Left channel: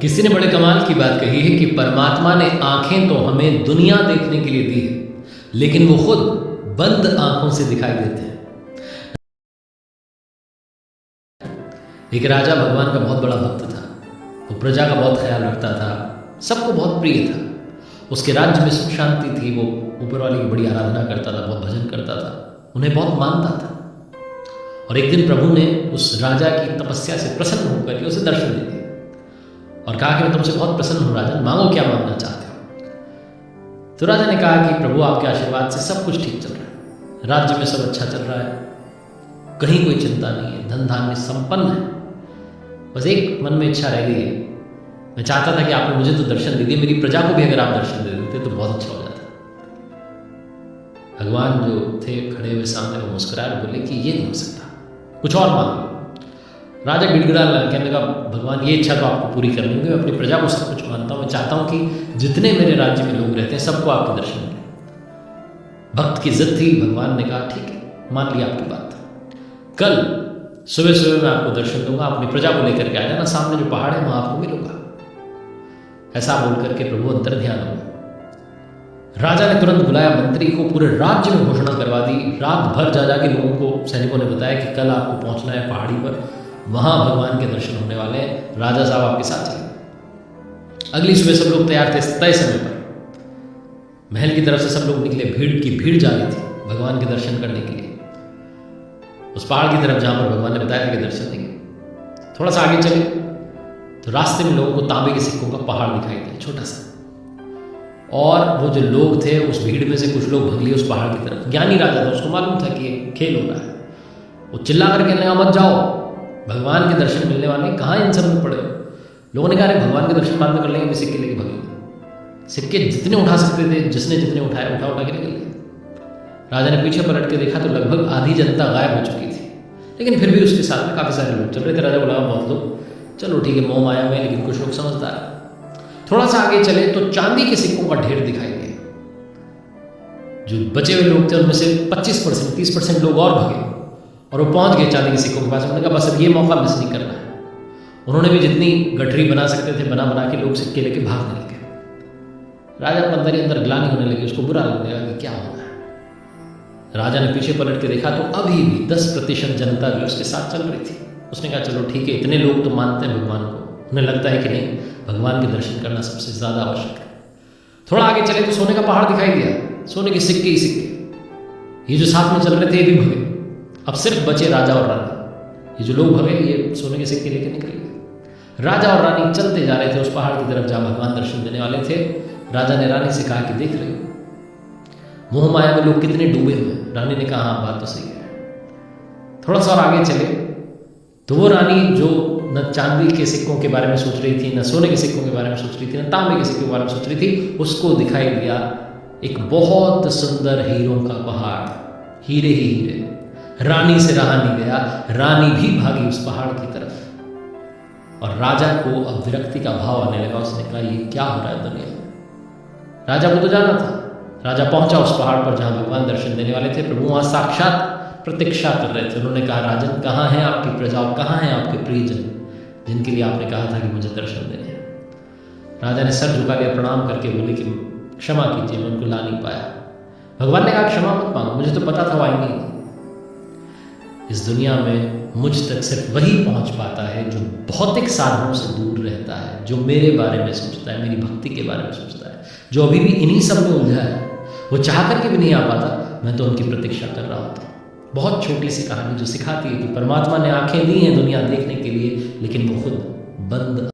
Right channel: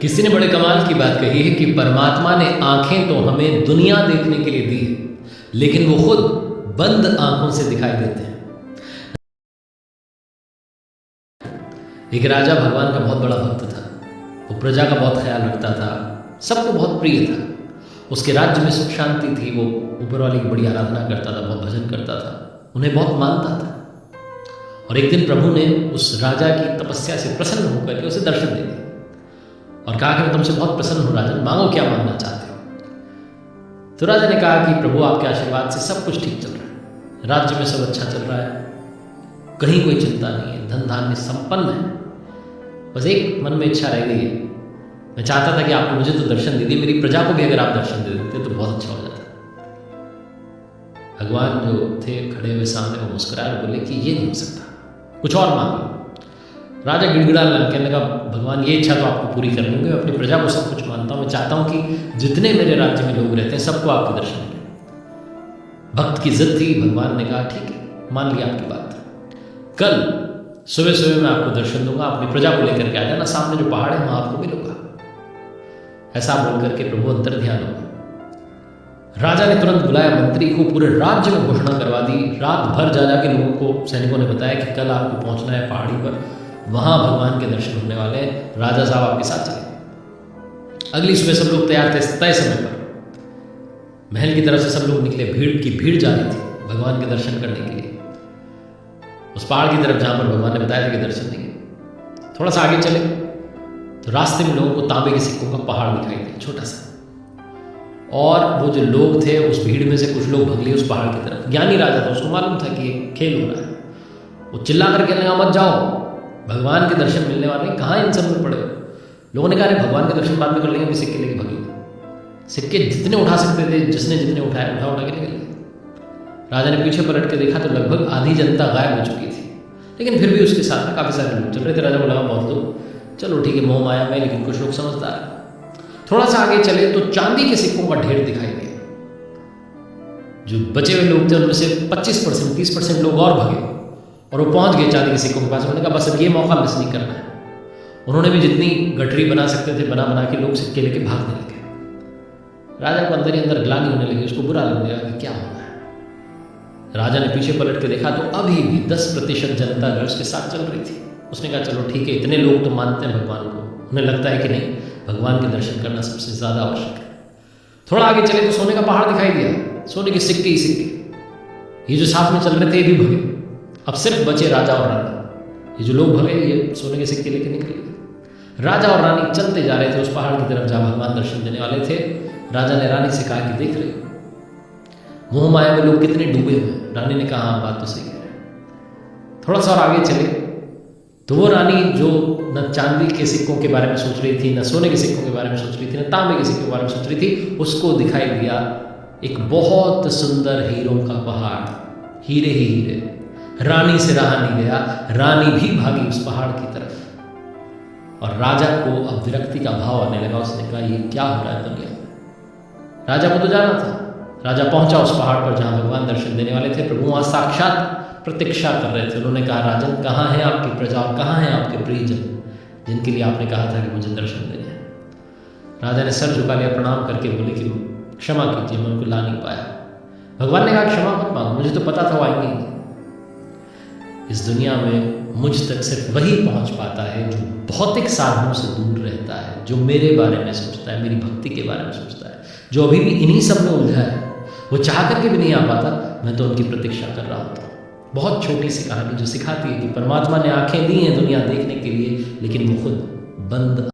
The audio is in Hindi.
किसी ने बड़े कमाल की बात कही है कि परमात्मा ने आंखें तो हमें दुनिया देखने के लिए दी है, लेकिन वो खुद बंद आंखों से दिखाई देते हैं। एक राजा भगवान का बहुत बड़ा भक्त था। वो प्रजा का बहुत ख्याल रखता था, सबको बहुत प्रिय था। उसके राज्य में सुख शांति थी। वो ऊपर वाले की बड़ी आराधना करता था, बहुत भजन करता था, उन्हें बहुत मानता था। और एक दिन प्रभु ने उस राजा की तपस्या से प्रसन्न होकर के उसे दर्शन दे दिए और कहा कि मैं तुमसे बहुत प्रसन्न हूँ राजन, मांगो क्या मांगना चाहते हो। तो राजा ने कहा कि प्रभु आपके आशीर्वाद से सब कुछ ठीक चल रहा है, राज्य में सब अच्छा चल रहा है, कहीं कोई चिंता नहीं है, धन धान्य संपन्न है। बस एक मन में इच्छा रह गई है, मैं चाहता था कि आपने मुझे तो दर्शन दे दिए, मेरी प्रजा को भी अगर आप दर्शन दे देते तो बहुत अच्छा हो जाता। भगवान जो थे खड़े हुए सामने, वो मुस्कुराए और बोले कि ये नहीं हो सकता, कुछ और मांग लो। राजा गिड़गिड़ा लगा, कहने लगा भगवान ये इच्छा तो आपको पूरी करनी होगी, मैं अपनी प्रजा को सब कुछ मानता हूँ, मैं चाहता हूँ कि जितने मेरे राज्य में लोग रहते हैं सबको आपके दर्शन मिले। भक्त की जिद थी। भगवान ने कहा ठीक है, मान लिया आपकी बात, कल सुबह सुबह मैं आपको दर्शन दूंगा, अपनी प्रजा को लेकर के आ जाना, सामने जो पहाड़ है वहां आपको मिलूंगा। ऐसा बोल करके प्रभु अंतर ध्यान हो गए। राजा ने तुरंत बुलाया मंत्री को, पूरे राज्य में घोषणा करवा दी। रात भर जा जाके लोगों को, सैनिकों ने बताया कि कल आपको पहुंचना है पहाड़ी पर, वहां भगवान के दर्शन होने वाले हैं, राजा साहब आपके साथ चलेंगे। अगली सुबह सब लोग तैयार थे, तय समय पर महल की तरफ से सब लोग निकले। भीड़ की भीड़ जा रही थी भगवान के दर्शन करने के लिए, उस पहाड़ की तरफ जहां पर भगवान ने बताया था कि दर्शन देंगे। थोड़ा सा आगे चले तो रास्ते में लोगों को तांबे के सिक्कों का पहाड़ दिखाई दिया, छोटा सा। और वो जो लोग थे उस भीड़ में से कुछ लोग भग लिए उस पहाड़ की तरफ। ज्ञानी राजा था, उसको मालूम था कि ये खेल हो रहा है। वो चिल्ला कर कहने लगा मत जाओ, भगवान के दर्शन मिलने वाले हैं, कहाँ इन सब में पड़े हो। लोगों ने कहा अरे भगवान के दर्शन बाद में कर लेंगे, अभी सिक्के लेके भगे। सिक्के जितने उठा सकते थे, जिसने जितने उठाए उठा उठा के निकल गए। राजा ने पीछे पलट के देखा तो लगभग आधी जनता गायब हो चुकी थी, लेकिन फिर भी उसके साथ में काफ़ी सारे लोग चल रहे थे। राजा को लगा बहुत लोग, चलो ठीक है, मोह माया में, लेकिन कुछ लोग समझदार हैं। थोड़ा सा आगे चले तो चांदी के सिक्कों का ढेर दिखाई दिया। जो बचे हुए लोग थे उनमें से 25% 30% लोग और भगे और वो पहुंच गए चांदी के सिक्कों के पास। उन्होंने कहा बस अब ये मौका मिस नहीं करना है। उन्होंने भी जितनी गठरी बना सकते थे बना बना के लोग सिक्के लेके भागने लगे। राजा को अंदर ही अंदर ग्लानि होने लगी, उसको बुरा लगने लगा कि क्या हो रहा है। राजा ने पीछे पलट के देखा तो अभी भी 10% जनता जो उसके साथ चल रही थी। उसने कहा चलो ठीक है, इतने लोग तो मानते हैं भगवान को, उन्हें लगता है कि नहीं, भगवान के दर्शन करना सबसे ज़्यादा आवश्यक है। थोड़ा आगे चले तो सोने का पहाड़ दिखाई दिया, सोने के सिक्के ही सिक्के। ये जो साथ में चल रहे थे ये भी भगे, अब सिर्फ बचे राजा और रानी। ये जो लोग भगे ये सोने के सिक्के लेके निकल गए। राजा और रानी चलते जा रहे थे उस पहाड़ की तरफ जहाँ भगवान दर्शन देने वाले थे। राजा ने रानी से कहा कि देख रही हो मोह माया में लोग कितने डूबे हुए हैं। रानी ने कहा हाँ बात तो सही कह रहे हैं। थोड़ा सा और आगे चले तो वो रानी जो न चांदी के सिक्कों के बारे में सोच रही थी, न सोने के सिक्कों के बारे में सोच रही थी, न तांबे के सिक्कों के बारे में सोच रही थी, उसको दिखाई दिया एक बहुत सुंदर हीरों का पहाड़, हीरे ही हीरे। रानी से रहा नहीं गया, रानी भी भागी उस पहाड़ की तरफ। और राजा को अब विरक्ति का भाव आने लगा। उसने कहा ये क्या हो रहा है दुनिया में। राजा को तो जाना था। राजा पहुंचा उस पहाड़ पर जहां भगवान दर्शन देने वाले थे। प्रभु वहां साक्षात प्रतीक्षा कर रहे थे। उन्होंने कहा राजन कहाँ है आपकी प्रजा और कहाँ हैं आपके प्रियजन जिनके लिए आपने कहा था कि मुझे दर्शन देने हैं। राजा ने सर झुका लिया, प्रणाम करके बोले कि क्षमा कीजिए, मैं उनको ला नहीं पाया। भगवान ने कहा क्षमा मत मांगो, मुझे तो पता था वो आएंगे ही नहीं। इस दुनिया में मुझ तक सिर्फ वही पहुंच पाता है जो भौतिक साधनों से दूर रहता है, जो मेरे बारे में सोचता है, मेरी भक्ति के बारे में सोचता है, जो अभी भी इन्हीं सब में उलझा है। वो चाह करके भी नहीं आ पाता, मैं तो उनकी प्रतीक्षा कर रहा होता हूँ। बहुत छोटी सी कहानी जो सिखाती है कि परमात्मा ने आंखें दी हैं दुनिया देखने के लिए, लेकिन वो खुद बंद